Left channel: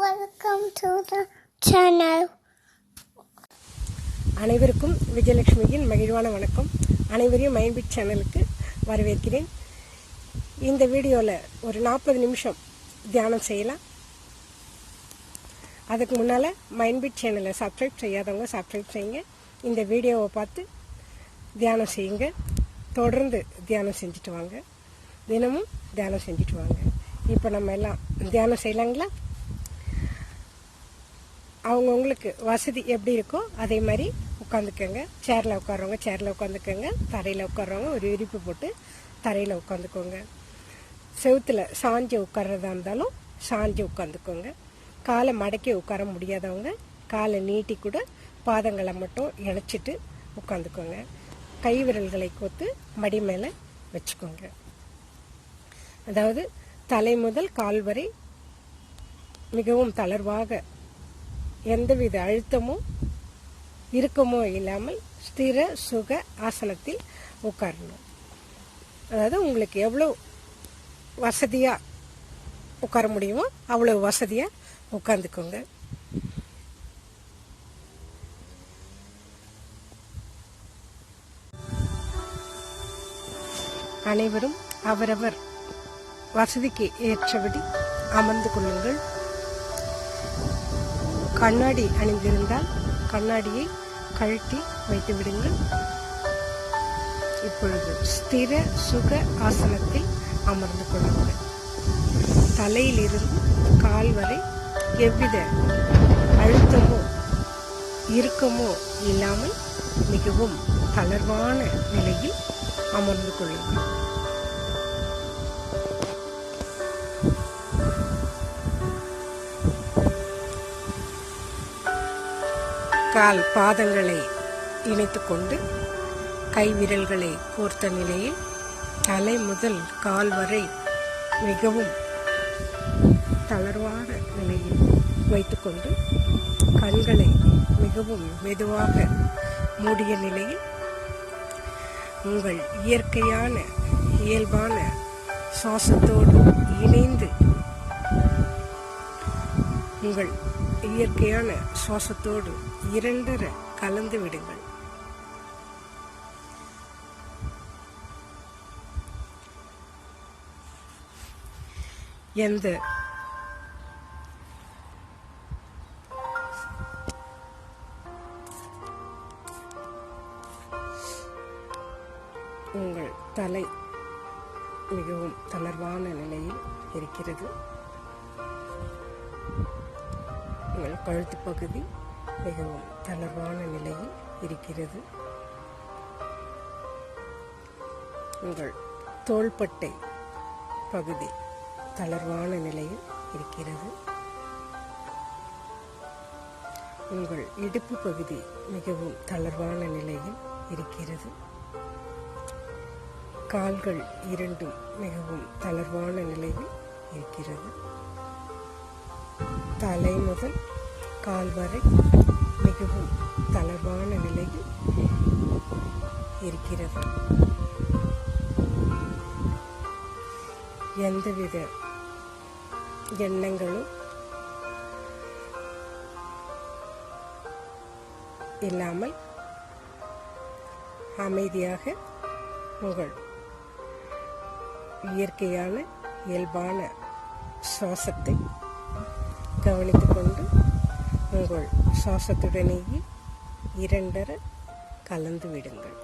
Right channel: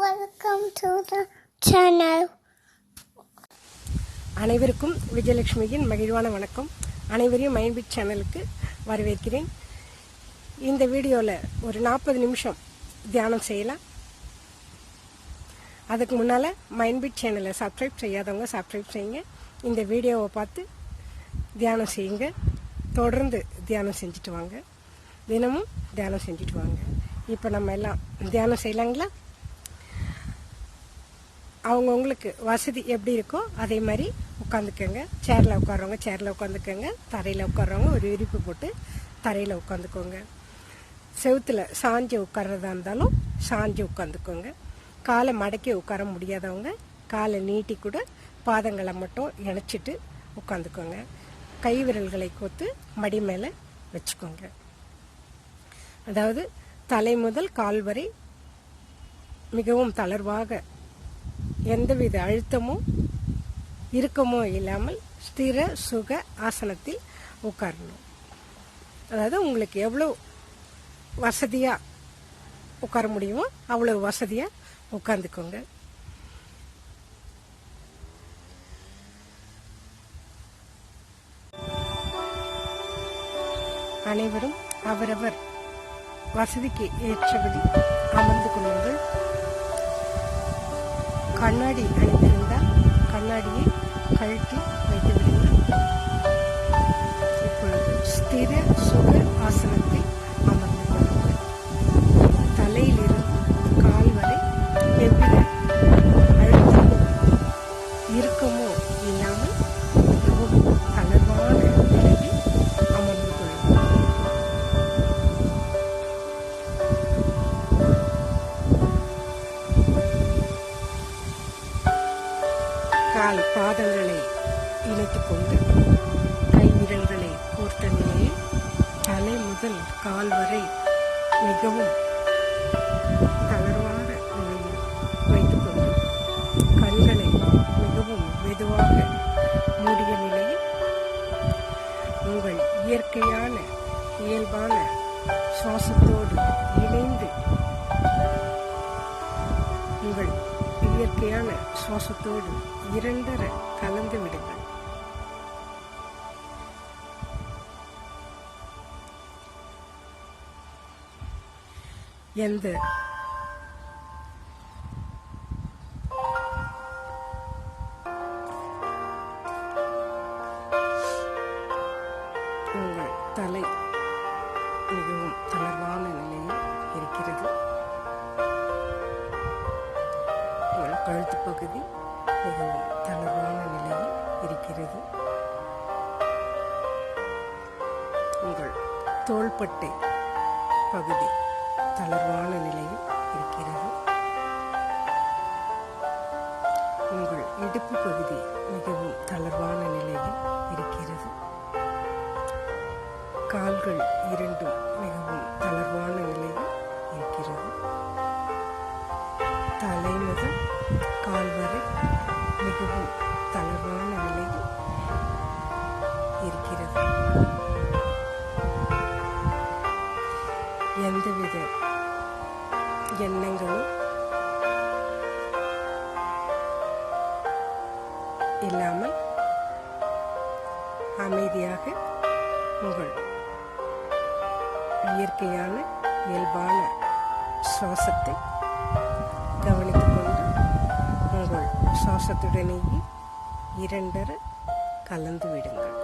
Welcome to the channel. அனைவருக்கும் விஜயலட்சுமியின் மகிழ்வான வணக்கம். அனைவரையும் மைண்ட்பிட் சேனலுக்கு வரவேற்கிறேன். இந்த வீடியோவில் ஒரு 40 நிமிஷம் தியானம் செய்யலாம். அதுக்கு முன்னால் மைண்ட்பிட் சேனலை சப்ஸ்கிரைப் செய்யாதவங்க சப்ஸ்கிரைப் செய்யுங்க. இந்த வீடியோவை பார்த்து தியானம் செய்யுங்க. தொடர்ந்து தியானம் செஞ்சுட்டு வாங்க. தினமும் தியானம் செஞ்சுட்டு வாங்க. இப்போ நம்ம எல்லாம் தியானம் செய்யலாங்களா? அவங்கவுங்களுக்கு வசதி எப்படி இருக்கோ அதே மாதிரி உட்காந்துக்கோங்க. சேரில் உட்கார்றவங்க சேரில் உட்காந்துக்கோங்க. தரையில் உட்கார்றவங்க ஒரு விரிப்பு போட்டு தரையில் உட்காந்துக்கோங்க. செவுத்தில் சாஞ்சு உட்கார்றதா இருந்தாலும் சாஞ்சு உட்காந்துக்கோங்க. காலை மடக்கி உட்கார முடியாதவங்க காலை நீட்டி கூட பாதங்களை மட்டும் இணைச்சிட்டு உட்காந்துக்கோங்க. கை விரல்களை கோத்து மடி மேலே வச்சுக்கோங்க. அதாவது தலை முதல் கால் வரை மிகவும் தளர்வாக எந்தவித அழுத்தமோ இறுக்கமோ இல்லாமல் ஸ்திர சுக ஆசனத்தில் உட்காரணும். அதாவது உங்களுக்கு எவ்வளோ வசதியாக உட்கார முடியுமோ அவ்வளோ வசதியாக உட்காந்துக்கோங்க. அனைவரும் அவரவர் வசதிக்கு ஏற்றபடி அமர்ந்து கொள்ளுங்கள். கண்ணாடி அணிந்திருந்தால் கண்ணாடியை கழட்டி வைத்து விடுங்கள். இப்பொழுது ஸ்திர சுக ஆசனத்தில் அமர்ந்து கொள்ளுங்கள். தலையிலிருந்து கால் வரை எவ்வித அழுத்தமோ இறுக்கமோ இல்லாமல் மிகவும் தளர்வான நிலையில் அமர்ந்து கொள்ளுங்கள். கால் பாதங்களை இணைத்துக் கொண்டு கை விரல்களை கோர்த்த நிலையில் தலை முதல் கால் வரை மிகவும் தளர்வான நிலையில் வைத்துக்கொண்டு கண்களை மிகவும் மெதுவாக மூடிய நிலையில் உங்கள் இயற்கையான இயல்பான சுவாசத்தோடு இணைந்து உங்கள் இயற்கையான சுவாசத்தோடு இரண்டர கலந்து விடுங்கள். எந்த உங்கள் தலை மிகவும் தளர்வான நிலையில் இருக்கிறது. உங்கள் கழுத்து பகுதி மிகவும் தளர்வான நிலையில் இருக்கிறது. உங்கள் தோள்பட்டை பகுதி தளர்வான நிலையில் இருக்கிறது. உங்கள் இடுப்பு பகுதி மிகவும் தளர்வான நிலையில் இருக்கிறது. கால்கள் இரண்டும் மிகவும் தளர்வான நிலையில் இருக்கிறது. தலை முதல் கால் வரை மிகவும் தளர்வான நிலையில் இருக்கிறது. எந்தவித எண்ணங்களும் இல்லாமல் அமைதியாக உங்கள் இயற்கையான இயல்பான சுவாசத்தை கவனித்துக் கொண்டு உங்கள் சுவாசத்துடனேயே இரண்டர கலந்து விடுங்கள்.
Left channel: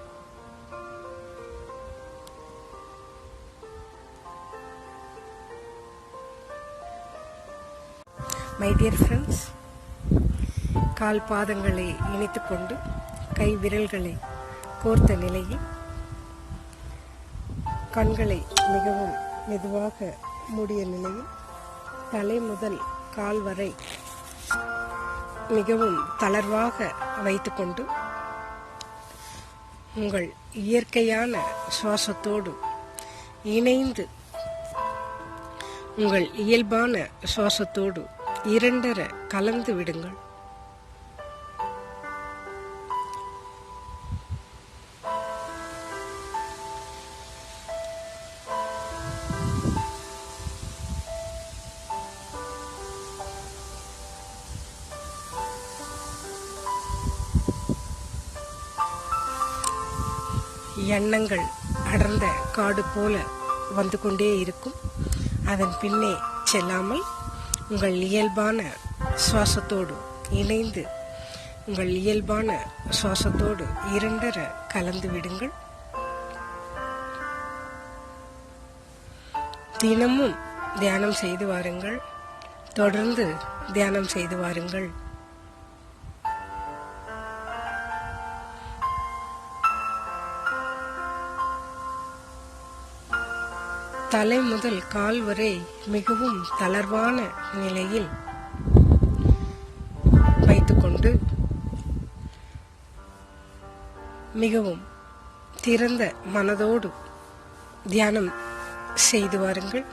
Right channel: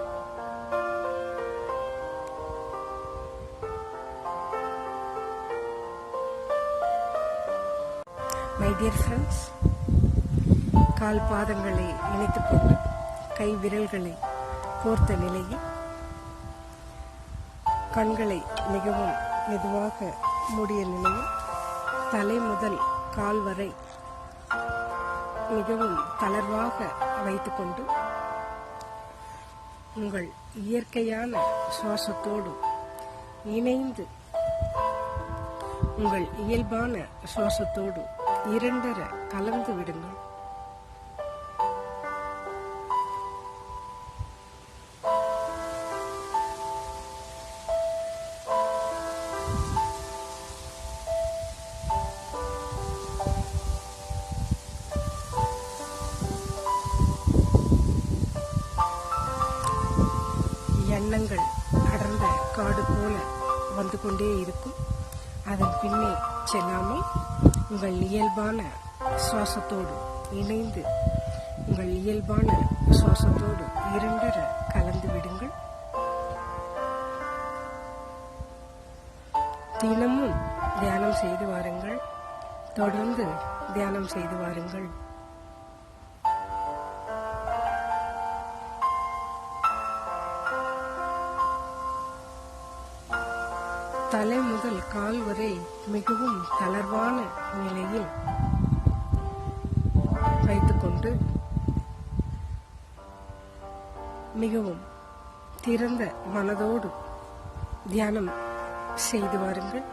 மை டியர் ஃப்ரெண்ட்ஸ், கால் பாதங்களை இணைத்துக் கொண்டு கை விரல்களை கோர்த்த நிலையில் கண்களை மிகவும் மெதுவாக மூடிய நிலையில் தலை முதல் கால் வரை மிகவும் தளர்வாக வைத்துக்கொண்டு உங்கள் இயற்கையான சுவாசத்தோடு இணைந்து உங்கள் இயல்பான சுவாசத்தோடு இரண்டர கலந்து விடுங்கள். எண்ணங்கள் அடர்ந்த காடு போல வந்து கொண்டே இருக்கும். அதன் பின்னே செல்லாமல் உங்கள் இயல்பான சுவாசத்தோடு இணைந்து உங்கள் இயல்பான சுவாசத்தோடு இரண்டர கலந்து விடுங்கள். தினமும் தியானம் செய்து வாருங்கள். தொடர்ந்து தியானம் செய்து வாருங்கள். தலை முதல் கால் வரை மிகவும் தளர்வான நிலையில் வைத்துக்கொண்டு மிகவும் திறந்த மனதோடு தியானம் செய்து வாருங்கள்.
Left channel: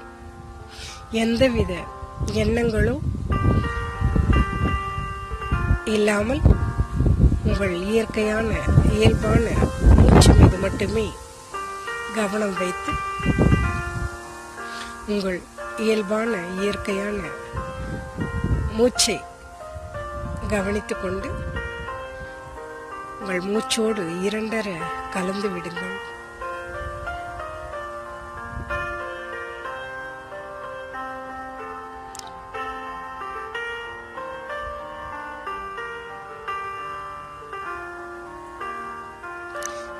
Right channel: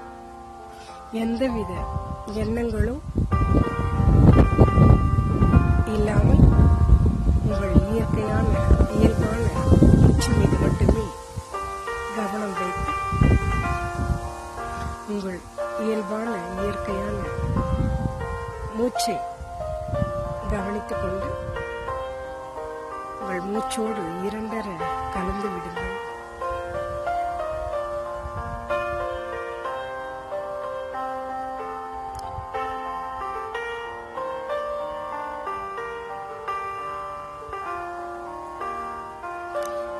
எந்தவித எண்ணங்களும் இல்லாமல் உங்கள் இயற்கையான இயல்பான மூச்சு மீது மட்டுமே கவனம் வைத்து உங்கள் இயல்பான இயற்கையான மூச்சை கவனித்துக் கொண்டு உங்கள் மூச்சோடு இரண்டர கலந்து விடுங்கள்.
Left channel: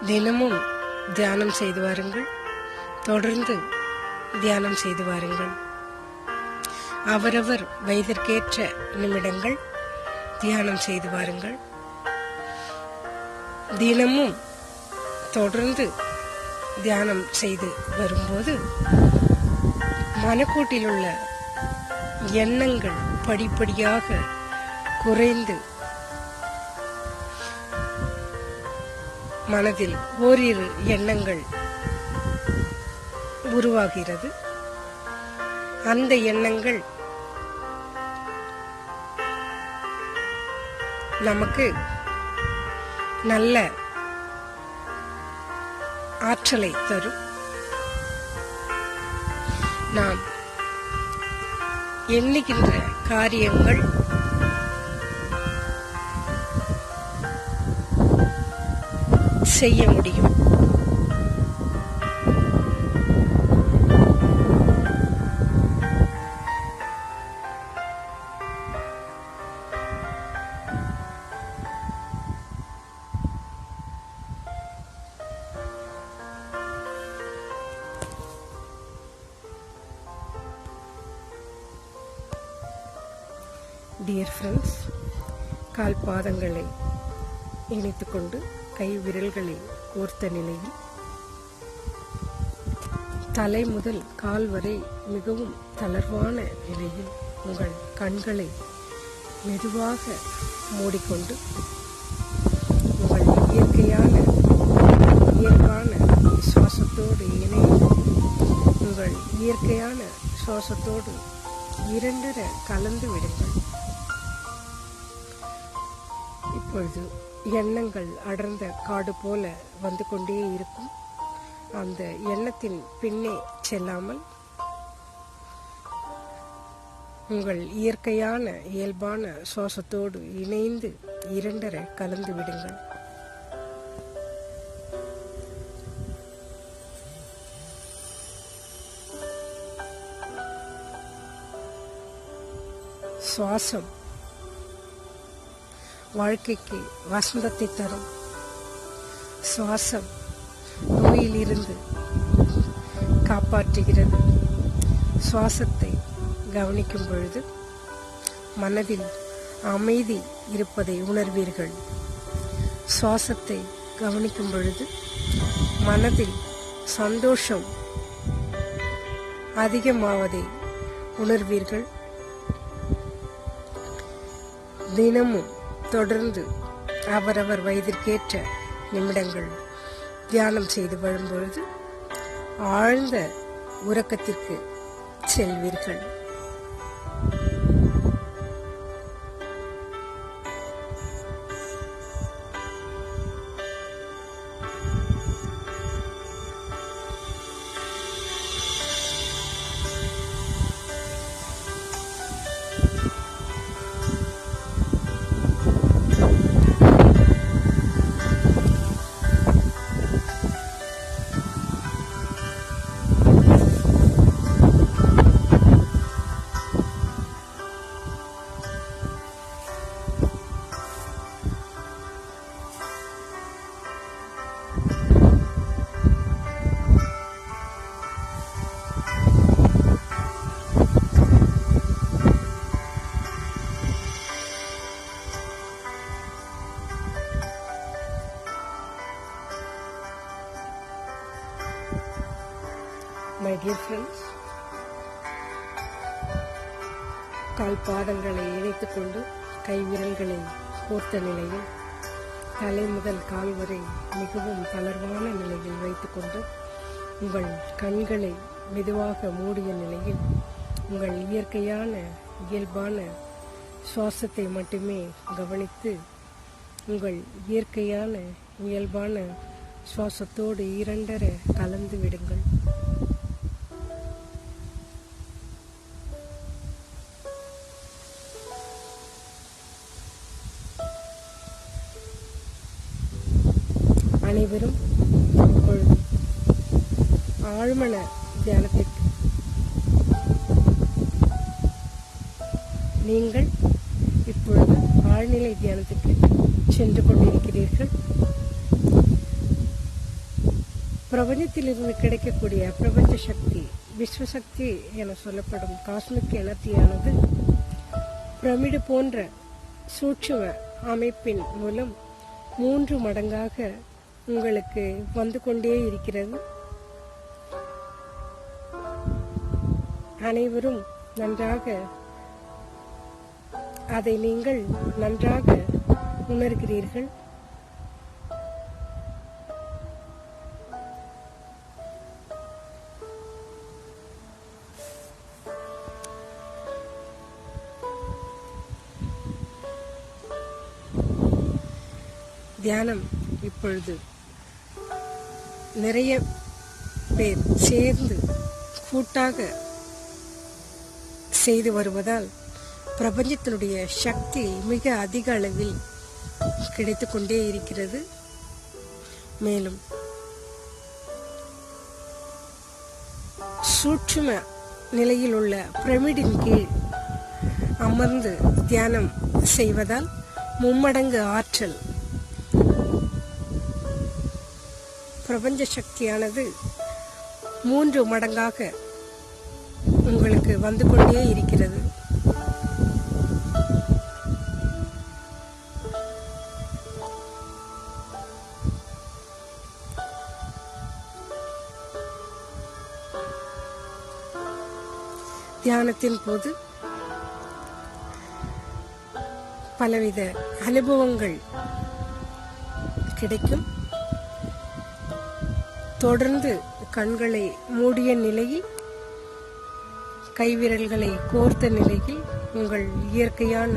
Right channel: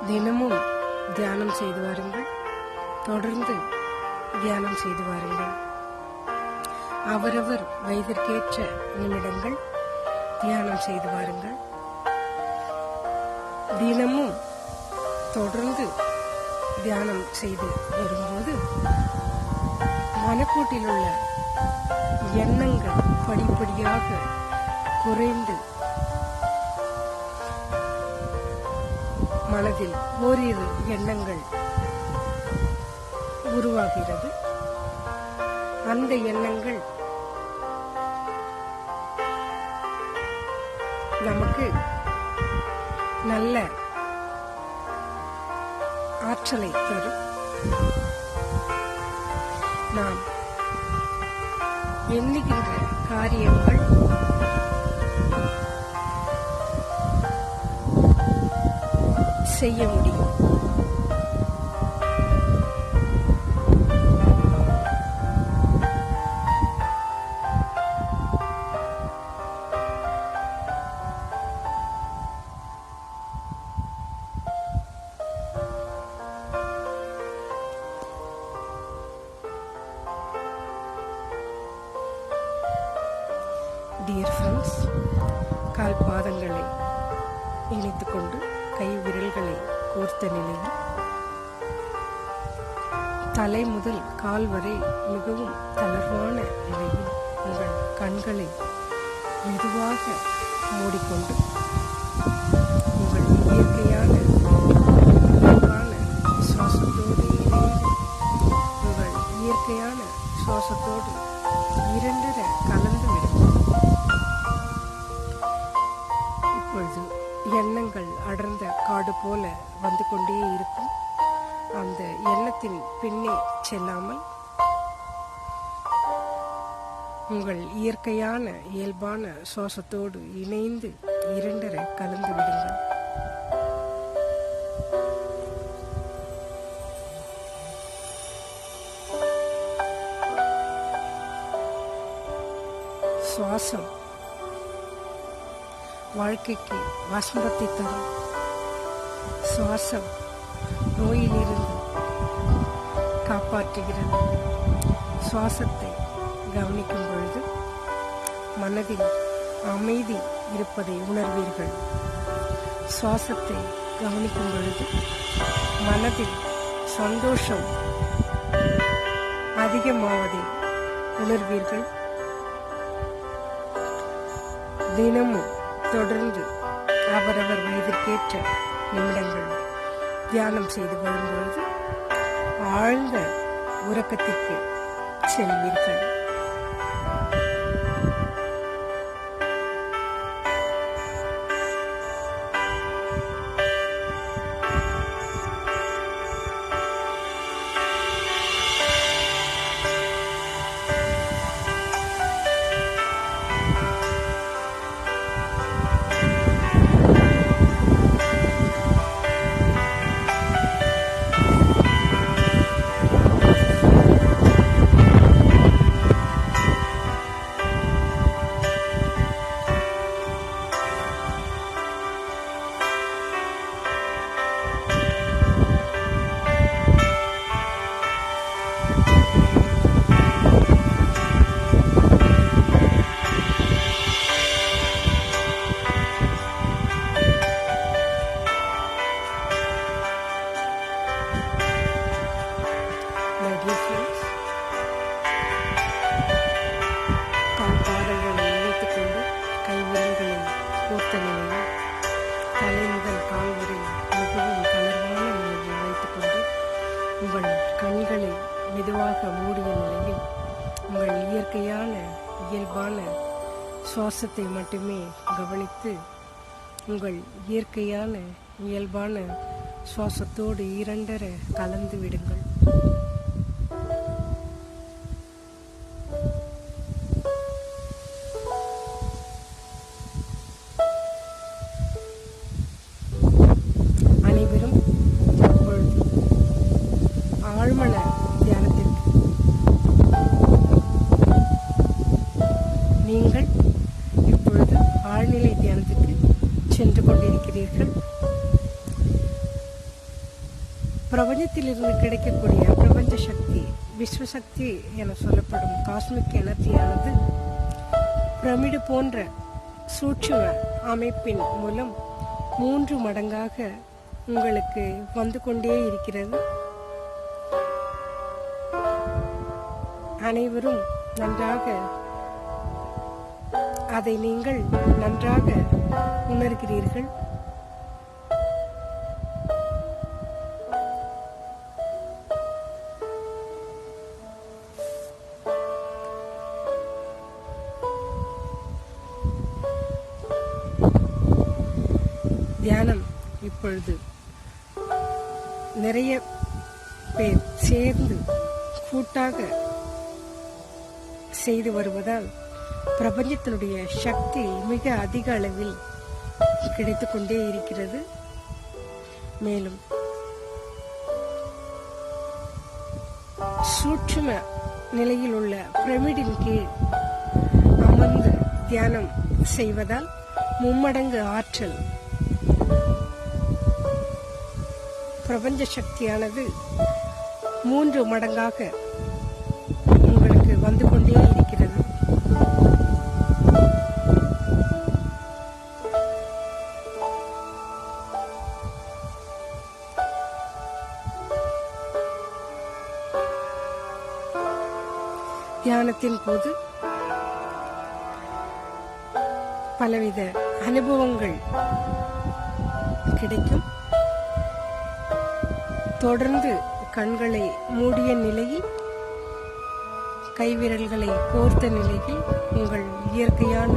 தினமும் தியானம் செய்து வாருங்கள். தொடர்ந்து தியானம் செய்து வாருங்கள். அவரவர் வயதிற்கேற்ற நிமிடங்கள் தியானம் செய்து வாருங்கள். தினமும் தொடர்ந்து தியானம் செய்து வரும்போது மனக்கூட்டில் உள்ள எண்ணங்கள் படிப்படியாக குறைந்து மனதில் ஓரிரு எண்ணங்கள் உருவாகிறது. அந்த எண்ணங்கள் நமக்கு நல்ல ஆற்றலை தரும். நாம் எண்ணுகின்ற காரியங்கள் செய்ய முடியும். டியர் ஃப்ரெண்ட்ஸ், கால் பாதங்களை இணைத்துக் கொண்டு கை விரல்களை கோர்த்த நிலையில் தலை முதல் கால் வரை மிகவும் தளர்வான நிலையில் உங்கள் கண்களை மெதுவாக மூடிக்கொண்டு உங்கள் இயற்கையான இயல்பான சுவாசத்தோடு இணைந்து உங்கள் இயற்கையான சுவாசத்தோடு இரண்டர கலந்து விடுங்கள். இப்பொழுது எண்ணங்கள் அடர்ந்த காடு போல வந்து கொண்டே இருக்கும். அந்த எண்ணத்தின் பின்னே செல்லாமல் உங்கள் இயற்கையான இயல்பான சுவாசத்தோடு இணைந்து இரண்டர கலந்து விடுங்கள். சுவாசம் வாழ்க்கைக்கு வசந்தத்தை தரும். சுவாசம் நோயிலிருந்து காப்பாற்றுகிறது. சுவாசத்தை கவனிக்கும் பொழுது மனதில் அமைதி இருப்பதை உணர்வீர்கள். சுவாசத்தை கவனிக்கும் பொழுது மனதில் சந்தோஷம் அதிகமாவதை உணர்வீர்கள். தினமும் தொடர்ந்து அவரவர் வயதிற்கேற்ற நிமிடங்கள் தியானம் செய்து வரும்பொழுது ஆழ்ந்த உறக்கத்திற்கு செல்வீர்கள். கால் பாதங்களை இணைத்துக் கொண்டு கைவிரல்களை கோர்த்த நிலையில் தலை முதல் கால் வரை மிகவும் தளர்வான நிலையில் வைத்துக்கொண்டு உங்கள் கண்களை மெதுவாக மூடிய நிலையில் உங்கள் இயற்கையான இயல்பான சுவாசத்தை மட்டுமே கவனித்து உங்கள் இயற்கையான இயல்பான சுவாசத்தோடு இரண்டர கலந்து விடுங்கள். அனைவரும் இப்பொழுது ஆழ்மன தியானத்திற்கு நீங்கள் இப்பொழுது ஆழ்நிலை தியானத்திற்கு சென்று கொண்டிருக்கிறீர்கள். பிரபஞ்சத்திலிருந்து கிடைக்கக்கூடிய பிரபஞ்ச சக்தி, விஸ்வசக்தி என சொல்லப்படும் காஸ்மிக் எனர்ஜியானது பிரமிடு போன்ற சூட்சும அமைப்பின் மூலம் 3 மடங்காக உங்களுக்கு வந்து கொண்டே இருக்கிறது. அனைவரும் நன்றாக அதை நீங்கள் நன்றாக உணர்கிறீர்கள். தியானம் இப்பொழுது நிறைய பேர் சேர்ந்து கூட்டாக செய்து வருவதால் பிரபஞ்சத்தினுடைய சக்தி மிக அதிக அளவில் கிடைத்துக் கொண்டே இருக்கிறது. மேலும் சூட்சும நிலையில் உள்ள பிரமிடின் கீழ் அமர்ந்து தியானம் செய்வதால் 3 மடங்கு ஆற்றல் பிரபஞ்ச சக்தியானது 3 மடங்காக உங்களுக்கு வந்து கொண்டே இருக்கிறது. தியானத்தின் போது பலவித அனுபவங்கள் கிடைக்கும். தொடர்ந்து கண்களை மூடிய நிலையில் கைவிரல்களை கோர்த்த நிலையில் உங்கள் இயற்கையான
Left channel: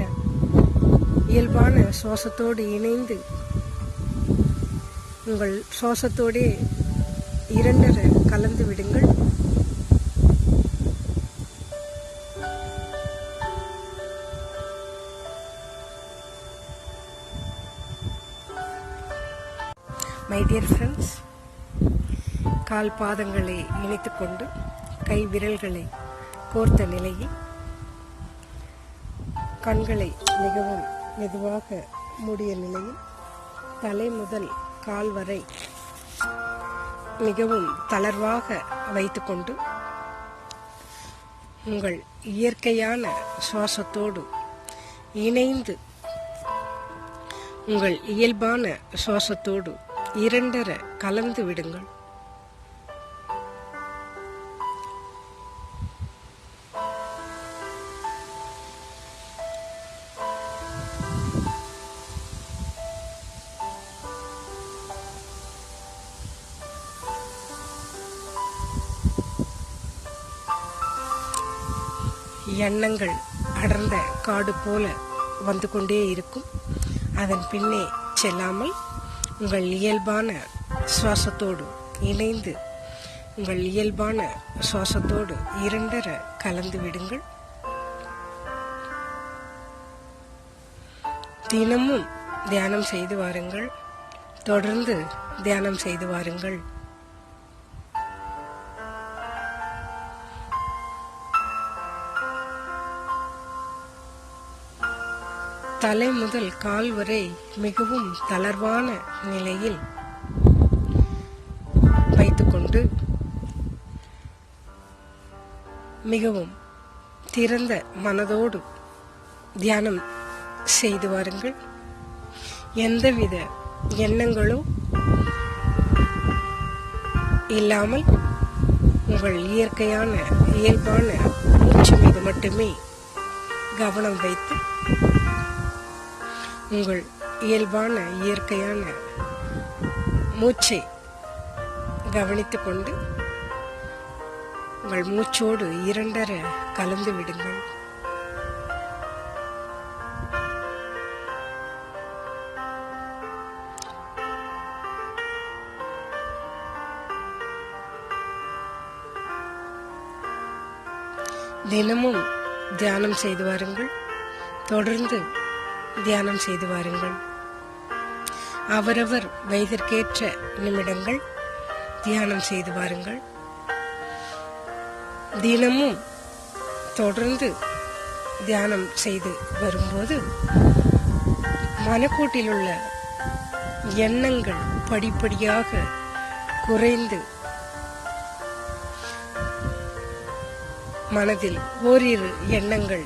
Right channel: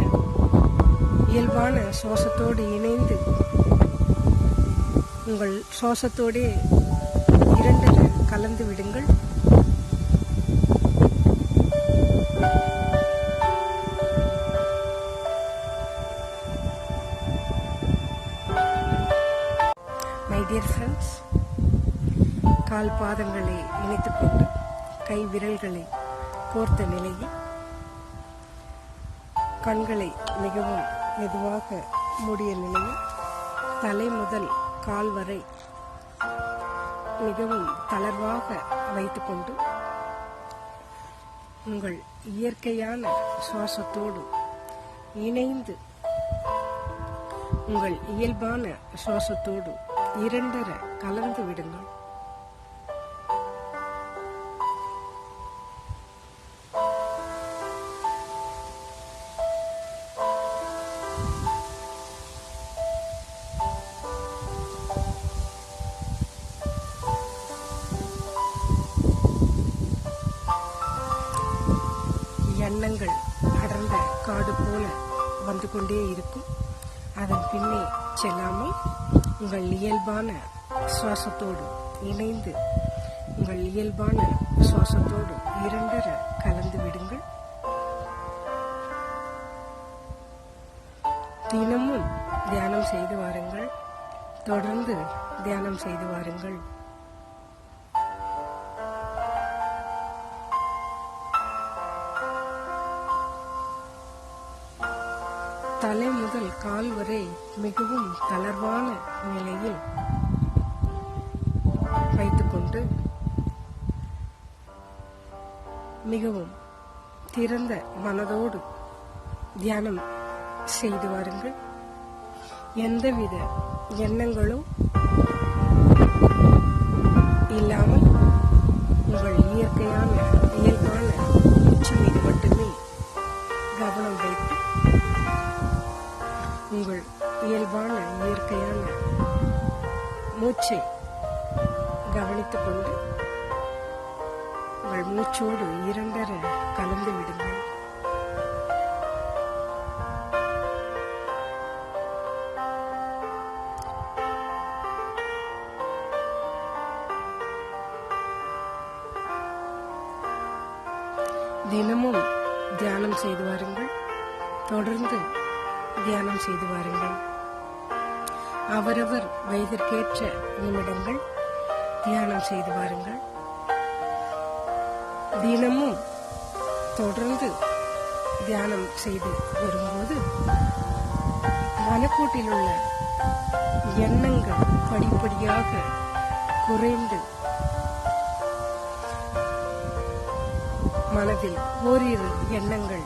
இயல்பான சுவாசத்தோடு இணைந்து உங்கள் சுவாசத்தோடே இரண்டர கலந்து விடுங்கள். மை டியர் ஃப்ரெண்ட்ஸ், கால் பாதங்களை இணைத்துக் கொண்டு கை விரல்களை கோர்த்த நிலையில் கண்களை மிகவும் மெதுவாக மூடிய நிலையில் தலை முதல் கால் வரை மிகவும் தளர்வாக வைத்துக்கொண்டு உங்கள் இயற்கையான சுவாசத்தோடு இணைந்து உங்கள் இயல்பான சுவாசத்தோடு இரண்டர கலந்து விடுங்கள். எண்ணங்கள் அடர்ந்த காடு போல வந்து கொண்டே இருக்கும். அதன் பின்னே செல்லாமல் உங்கள் இயல்பான சுவாசத்தோடு இணைந்து உங்கள் இயல்பான சுவாசத்தோடு இரண்டர கலந்து விடுங்கள். தினமும் தியானம் செய்து வாருங்கள். தொடர்ந்து தியானம் செய்து வாருங்கள். தலை முதல் கால் வரை மிகவும் தளர்வான நிலையில் வைத்துக்கொண்டு மிகவும் திறந்த மனதோடு தியானம் செய்து வாருங்கள். எந்தவித எண்ணங்களோ இல்லாமல் உங்கள் இயற்கையான இயல்பான மூச்சு மீது மட்டுமே கவனம் வைத்து உங்கள் இயல்பான இயற்கையான மூச்சை கவனித்துக் கொண்டு உங்கள் மூச்சோடு இரண்டர கலந்து விடுங்கள். தினமும் தியானம் செய்து வாருங்கள். தொடர்ந்து தியானம் செய்து வாருங்கள். அவரவர் வயதிற்கேற்ற நிமிடங்கள் தியானம் செய்து வாருங்கள். தினமும் தொடர்ந்து தியானம் செய்து வரும்போது மனக்கூட்டில் உள்ள எண்ணங்கள் படிப்படியாக குறைந்து மனதில் ஓரிரு எண்ணங்கள்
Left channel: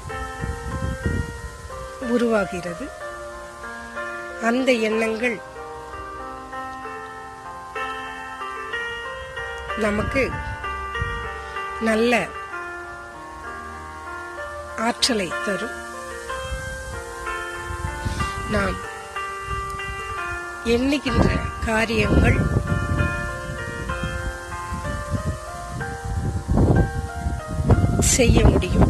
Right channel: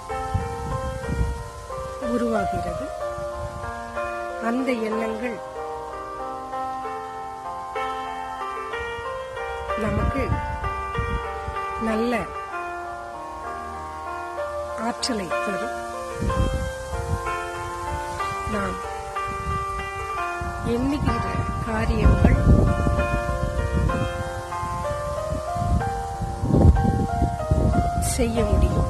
உருவாகிறது. அந்த எண்ணங்கள் நமக்கு நல்ல ஆற்றலை தரும். நாம் எண்ணுகின்ற காரியங்கள் செய்ய முடியும்.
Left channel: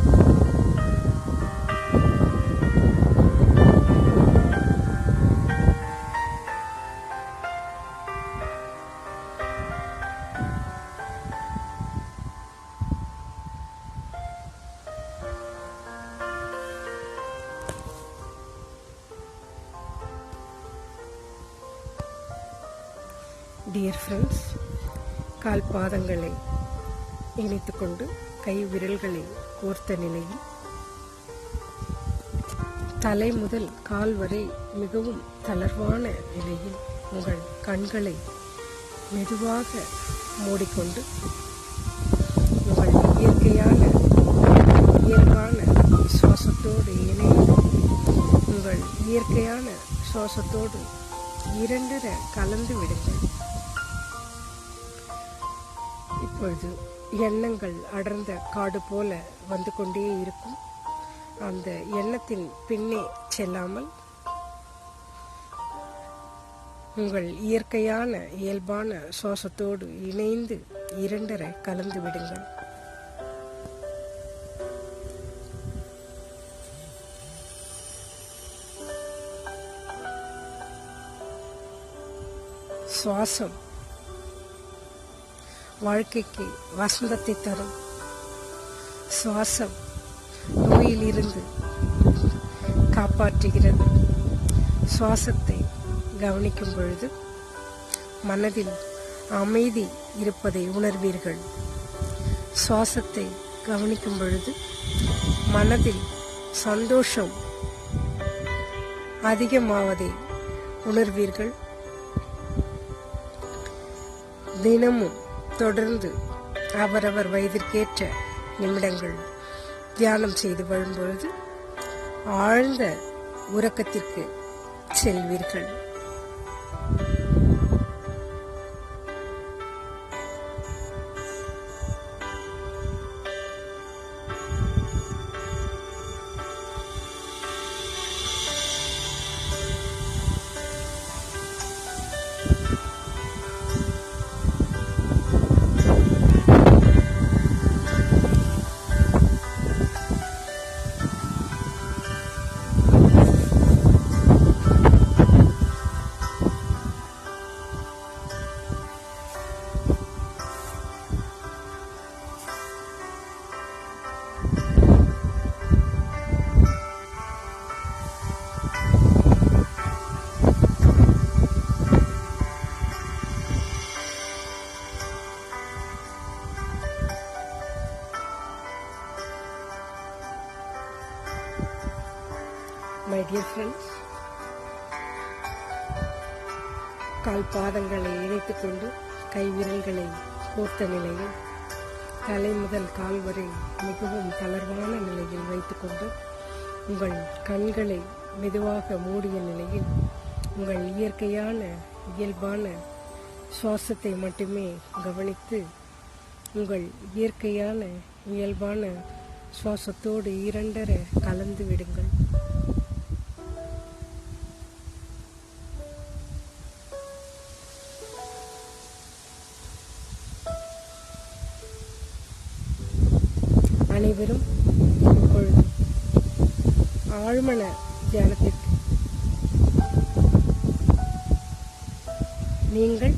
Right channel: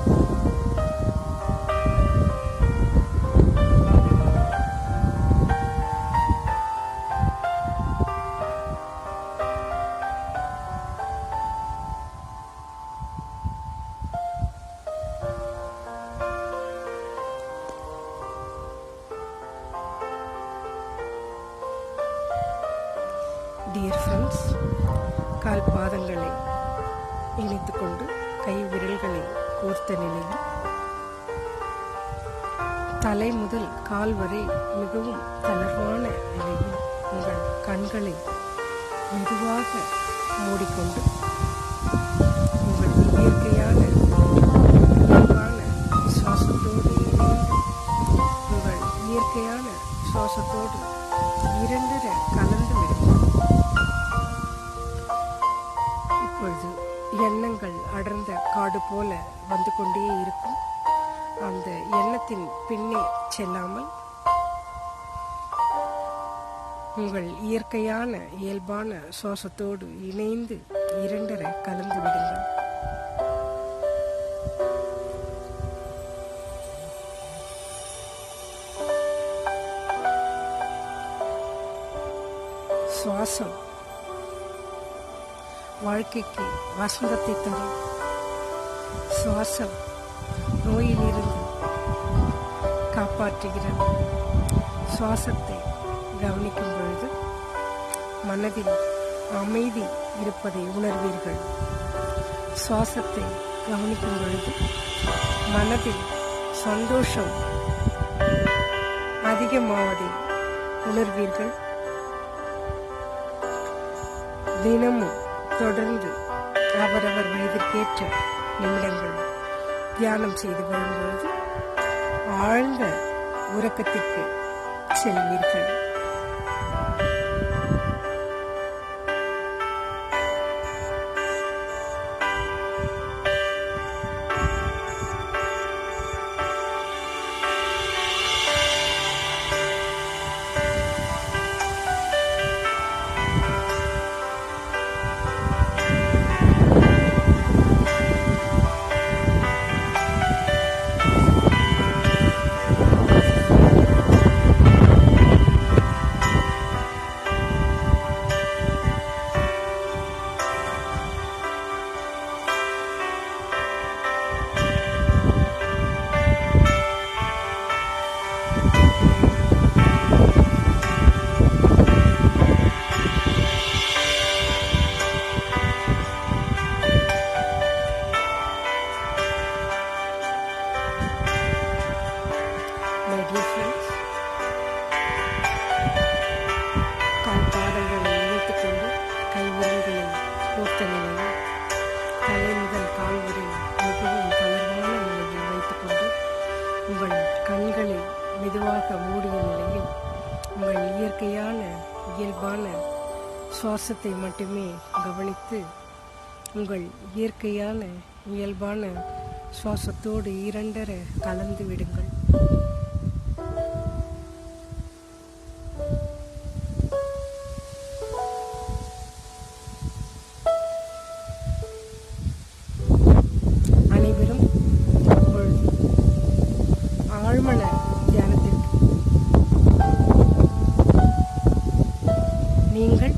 டியர் ஃப்ரெண்ட்ஸ், கால் பாதங்களை இணைத்துக் கொண்டு கை விரல்களை கோர்த்த நிலையில் தலை முதல் கால் வரை மிகவும் தளர்வான நிலையில் உங்கள் கண்களை மெதுவாக மூடிக்கொண்டு உங்கள் இயற்கையான இயல்பான சுவாசத்தோடு இணைந்து உங்கள் இயற்கையான சுவாசத்தோடு இரண்டர கலந்து விடுங்கள். இப்பொழுது எண்ணங்கள் அடர்ந்த காடு போல வந்து கொண்டே இருக்கும். அந்த எண்ணத்தின் பின்னே செல்லாமல் உங்கள் இயற்கையான இயல்பான சுவாசத்தோடு இணைந்து இரண்டர கலந்து விடுங்கள். சுவாசம் வாழ்க்கைக்கு வசந்தத்தை தரும். சுவாசம் நோயிலிருந்து காப்பாற்றுகிறது. சுவாசத்தை கவனிக்கும் பொழுது மனதில் அமைதி இருப்பதை உணர்வீர்கள். சுவாசத்தை கவனிக்கும் பொழுது மனதில் சந்தோஷம் அதிகமாவதை உணர்வீர்கள். தினமும் தொடர்ந்து அவரவர் வயதிற்கேற்ற நிமிடங்கள் தியானம் செய்து வரும்பொழுது ஆழ்ந்த உறக்கத்திற்கு செல்வீர்கள். My dear friends, கால் பாதங்களை இணைத்துக் கொண்டு கை விரல்களை கோர்த்த நிலையில் தலை முதல் கால் வரை மிகவும் தளர்வான நிலையில் வைத்துக்கொண்டு உங்கள் கண்களை மெதுவாக மூடிய நிலையில் உங்கள் இயற்கையான இயல்பான சுவாசத்தை மட்டுமே கவனித்து உங்கள் இயற்கையான இயல்பான சுவாசத்தோடு இரண்டரை கலந்து விடுங்கள். அனைவரும் இப்பொழுது ஆழ்மன தியானத்திற்கு நீங்கள்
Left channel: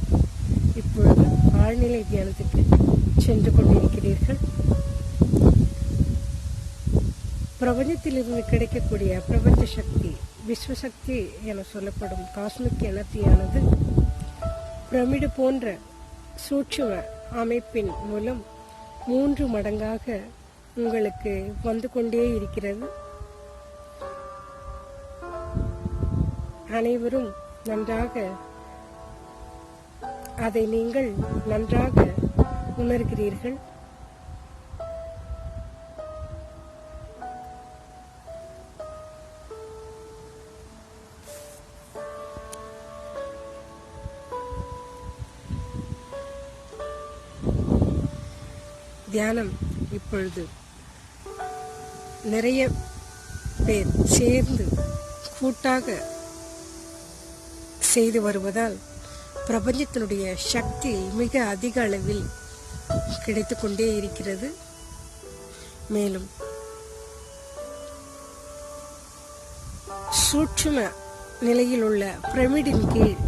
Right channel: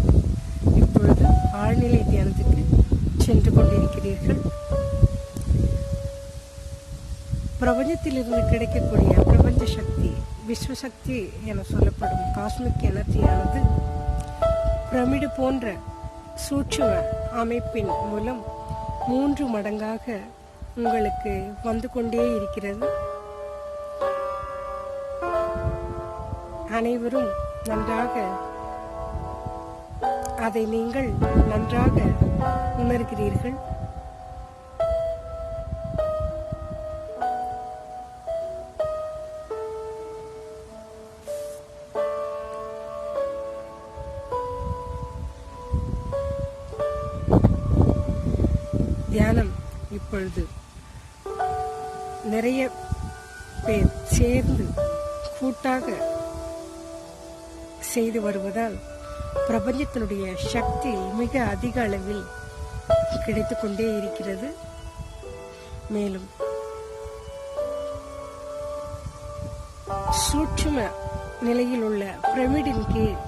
இப்பொழுது ஆழ்நிலை தியானத்துக்கு சென்று கொண்டிருக்கிறீர்கள். பிரபஞ்சத்திலிருந்து கிடைக்கக்கூடிய பிரபஞ்ச சக்தி, விஸ்வசக்தி என சொல்லப்படும் காஸ்மிக் எனர்ஜியானது பிரமிடு போன்ற சூட்சும அமைப்பின் மூலம் 3 மடங்காக உங்களுக்கு வந்து கொண்டே இருக்கிறது. அனைவரும் நன்றாக அதை நீங்கள் நன்றாக உணர்கிறீர்கள். தியானம் இப்பொழுது நிறைய பேர் சேர்ந்து கூட்டாக செய்து வருவதால் பிரபஞ்சத்தினுடைய சக்தி மிக அதிக அளவில் கிடைத்து கொண்டே இருக்கிறது. மேலும் சூட்சும நிலையில் உள்ள பிரமிடின் கீழ்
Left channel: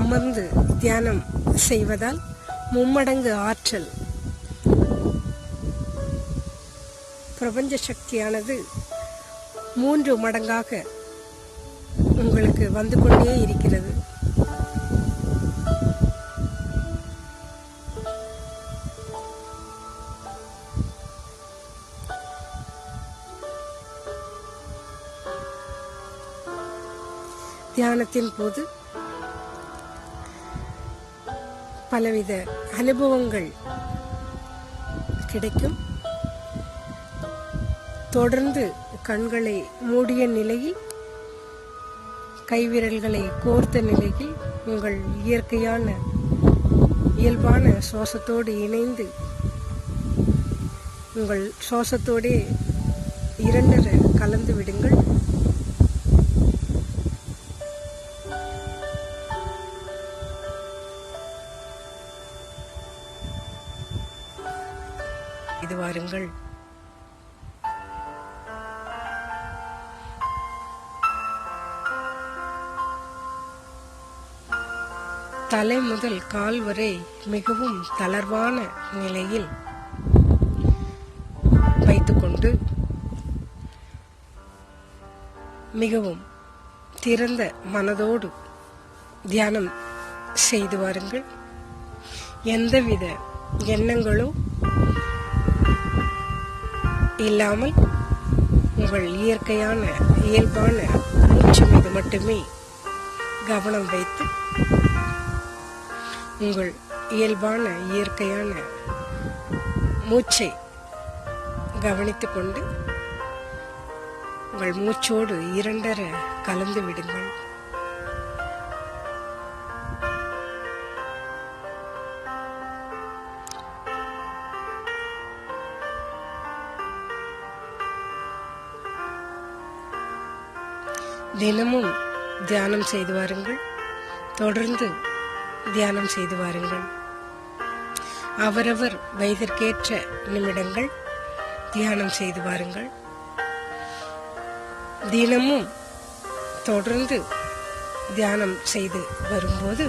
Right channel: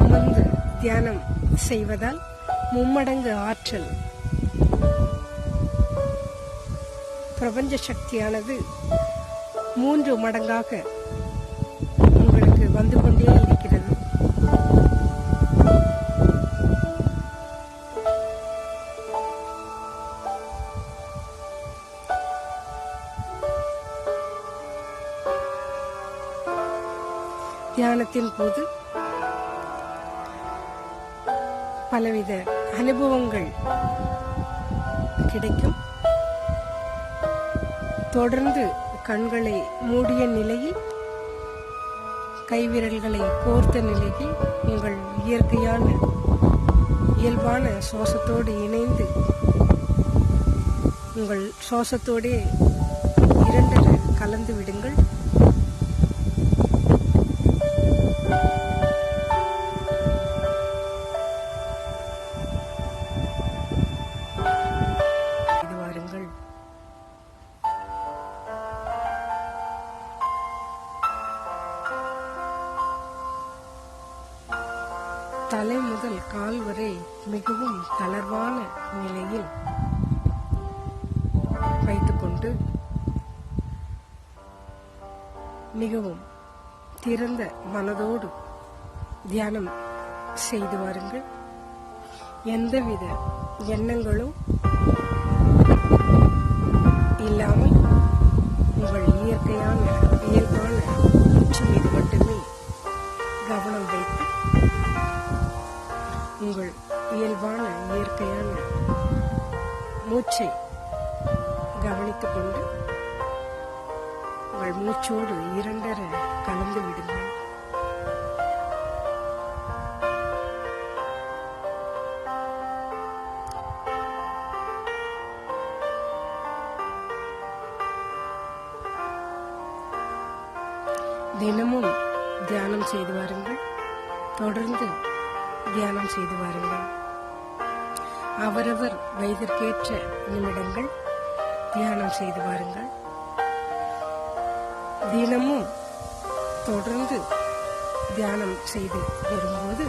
அமர்ந்து தியானம் செய்வதால் 3 மடங்கு ஆற்றல், பிரபஞ்ச சக்தியானது 3 மடங்காக உங்களுக்கு வந்து கொண்டே இருக்கிறது. தியானத்தின் போது பலவித அனுபவங்கள் கிடைக்கும். தொடர்ந்து கண்களை மூடிய நிலையில், கைவிரல்களை கோர்த்த நிலையில் உங்கள் இயற்கையான இயல்பான சுவாசத்தோடு இணைந்து உங்கள் சுவாசத்தோடே இரண்டரை கலந்து விடுங்கள். இது வாருங்கள். தலை முதல் கால் வரை மிகவும் தளர்வான நிலையில் வைத்துக்கொண்டு மிகவும் திறந்த மனதோடு தியானம் செய்து வாருங்கள். எந்தவித எண்ணங்களும் இல்லாமல் உங்கள் இயற்கையான இயல்பான மூச்சு மீது மட்டுமே கவனம் வைத்து உங்கள் இயல்பான இயற்கையான மூச்சை கவனித்துக் கொண்டு உங்கள் மூச்சோடு இரண்டரை கலந்து விடுங்கள். தினமும் தியானம் செய்து வாருங்கள். தொடர்ந்து தியானம் செய்து வாருங்கள். அவரவர் வயதிற்கேற்ற நிமிடங்கள் தியானம் செய்து வாருங்கள். தினமும் தொடர்ந்து தியானம் செய்து வரும்போது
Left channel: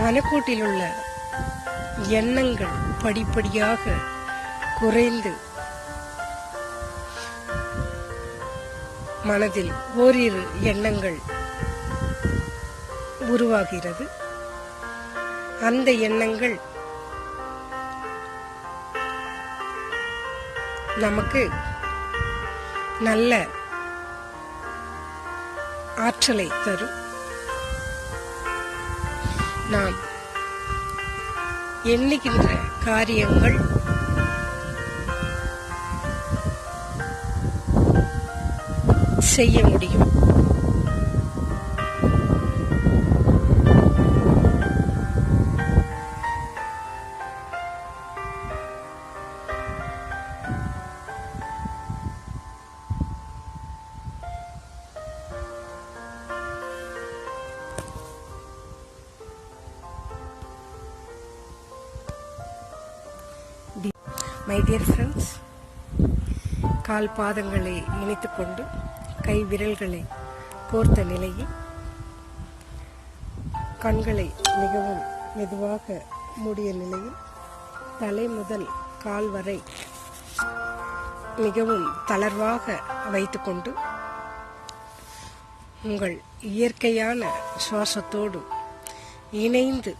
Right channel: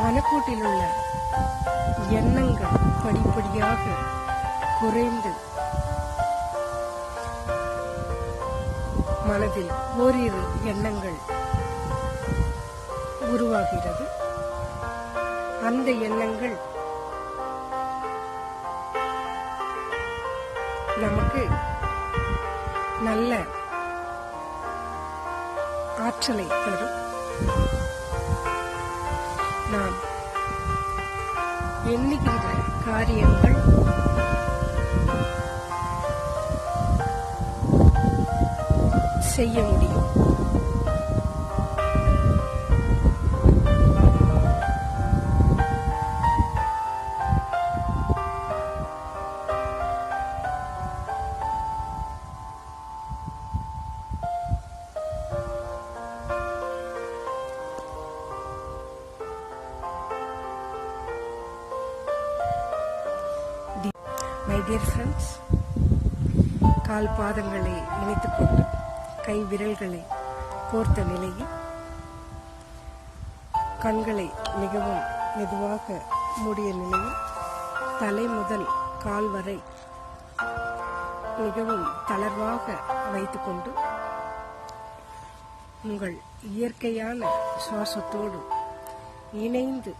மனக்கூட்டில் உள்ள எண்ணங்கள் படிப்படியாக குறைந்து மனதில் ஓரிரு எண்ணங்கள் உருவாகிறது. அந்த எண்ணங்கள் நமக்கு நல்ல ஆற்றலை தரும். நாம் எண்ணுகின்ற காரியங்கள் செய்ய முடியும். மை டியர் ஃப்ரெண்ட்ஸ், கால் பாதங்களை இணைத்துக்கொண்டு கை விரல்களை கோர்த்த நிலையில் கண்களை மிகவும் மெதுவாக மூடிய நிலையில் தலை முதல் கால் வரை மிகவும் தளர்வாக வைத்துக்கொண்டு உங்கள் இயற்கையான சுவாசத்தோடு இணைந்து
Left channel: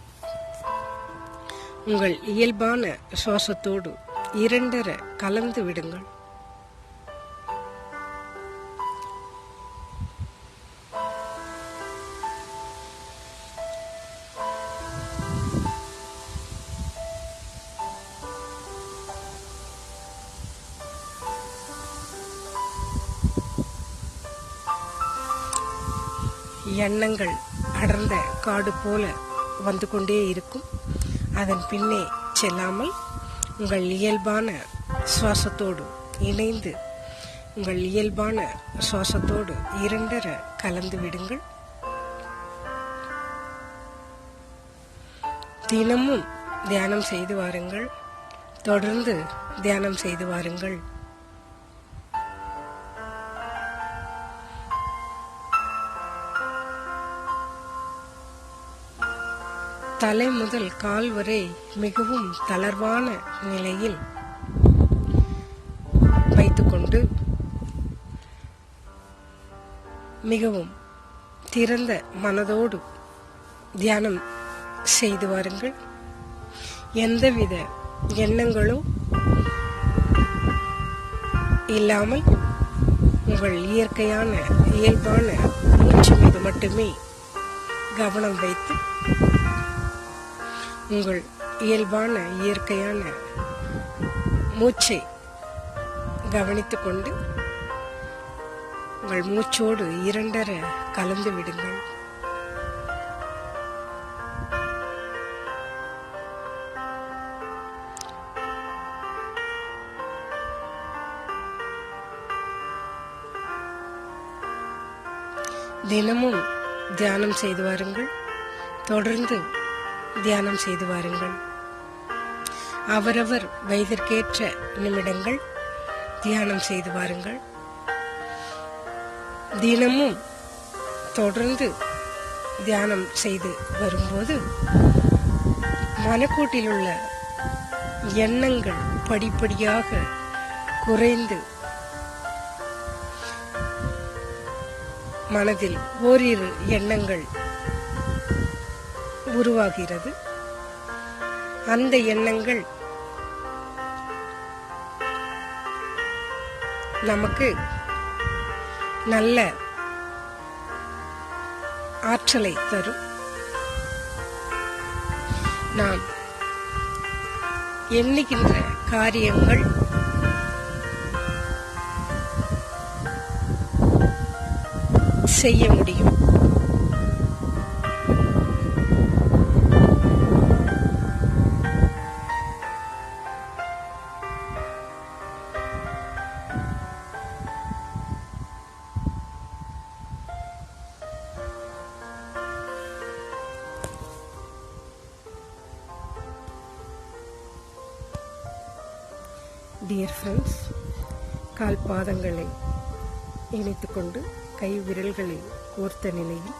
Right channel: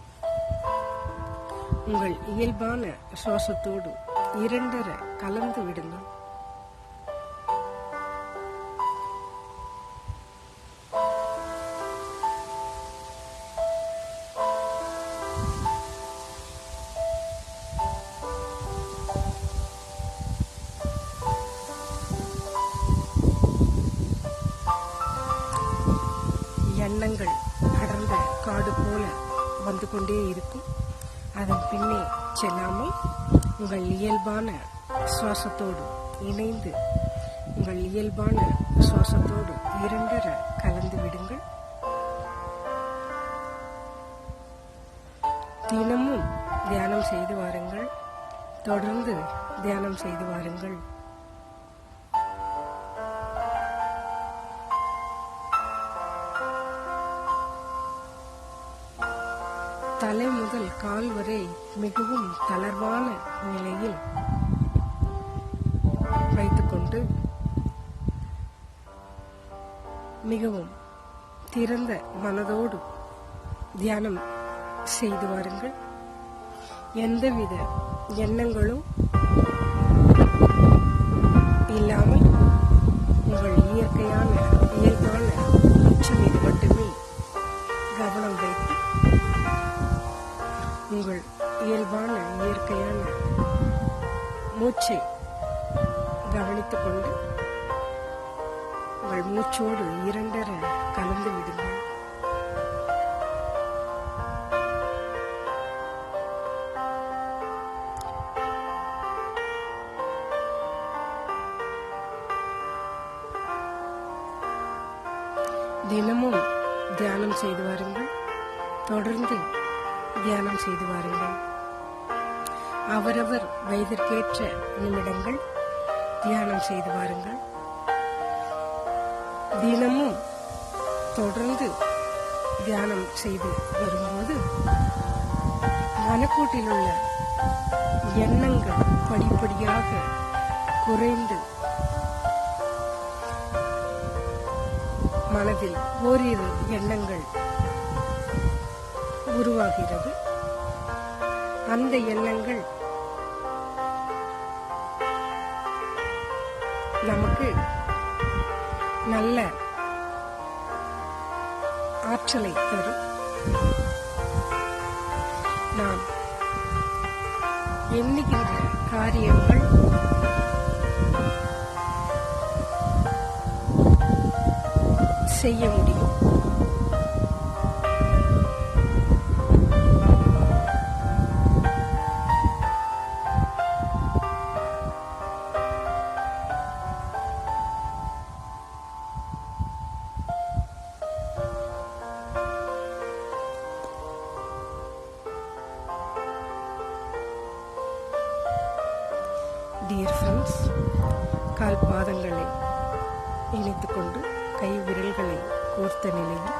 உங்கள் இயல்பான சுவாசத்தோடு இரண்டர கலந்து விடுங்கள். எண்ணங்கள் அடர்ந்த காடு போல வந்து கொண்டே இருக்கும். அதன் பின்னே செல்லாமல் உங்கள் இயல்பான சுவாசத்தோடு இணைந்து உங்கள் இயல்பான சுவாசத்தோடு இரண்டர கலந்து விடுங்கள். தினமும் தியானம் செய்து வாருங்கள். தொடர்ந்து தியானம் செய்து வாருங்கள். தலை முதல் கால் வரை மிகவும் தளர்வான நிலையில் வைத்துக்கொண்டு மிகவும் திறந்த மனதோடு தியானம் செய்து வாருங்கள். எந்தவித எண்ணங்களும் இல்லாமல் உங்கள் இயற்கையான இயல்பான மூச்சு மீது மட்டுமே கவனம் வைத்து உங்கள் இயல்பான இயற்கையான மூச்சை கவனித்துக் கொண்டு உங்கள் மூச்சோடு இரண்டர கலந்து விடுங்கள். தினமும் தியானம் செய்து வாருங்கள். தொடர்ந்து தியானம் செய்து வாருங்கள். அவரவர் வயதிற்கேற்ற நிமிடங்கள் தியானம் செய்து வாருங்கள். தினமும் தொடர்ந்து தியானம் செய்து வரும்போது மனக்கூட்டில் உள்ள எண்ணங்கள் படிப்படியாக குறைந்து மனதில் ஓரிரு எண்ணங்கள் உருவாகிறது. அந்த எண்ணங்கள் நமக்கு நல்ல ஆற்றலை தரும். நாம் எண்ணுகின்ற காரியங்கள் செய்ய முடியும். டியர் ஃப்ரெண்ட்ஸ், கால் பாதங்களை இணைத்துக்கொண்டு கை விரல்களை கோர்த்த நிலையில்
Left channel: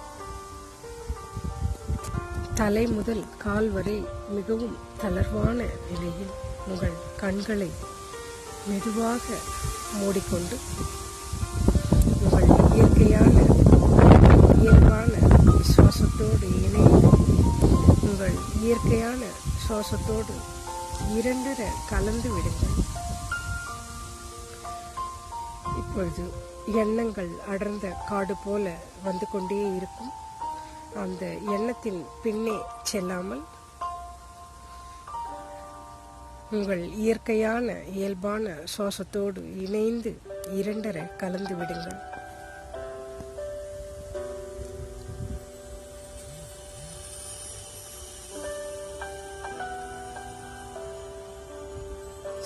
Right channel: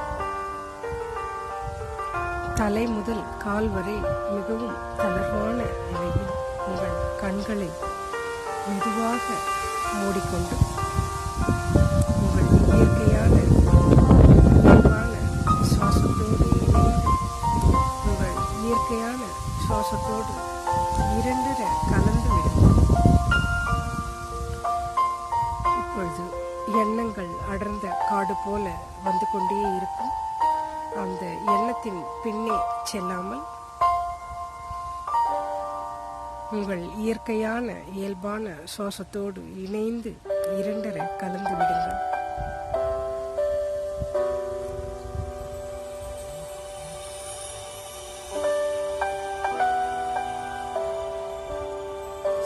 தலை முதல் கால் வரை மிகவும் தளர்வான நிலையில் உங்கள் கண்களை மெதுவாக மூடிக்கொண்டு உங்கள் இயற்கையான இயல்பான சுவாசத்தோடு இணைந்து உங்கள் இயற்கையான சுவாசத்தோடு இரண்டர கலந்து விடுங்கள். இப்பொழுது எண்ணங்கள் அடர்ந்த காடு போல வந்து கொண்டே இருக்கும். அந்த எண்ணத்தின் பின்னே செல்லாமல் உங்கள் இயற்கையான இயல்பான சுவாசத்தோடு இணைந்து இரண்டர கலந்து விடுங்கள்.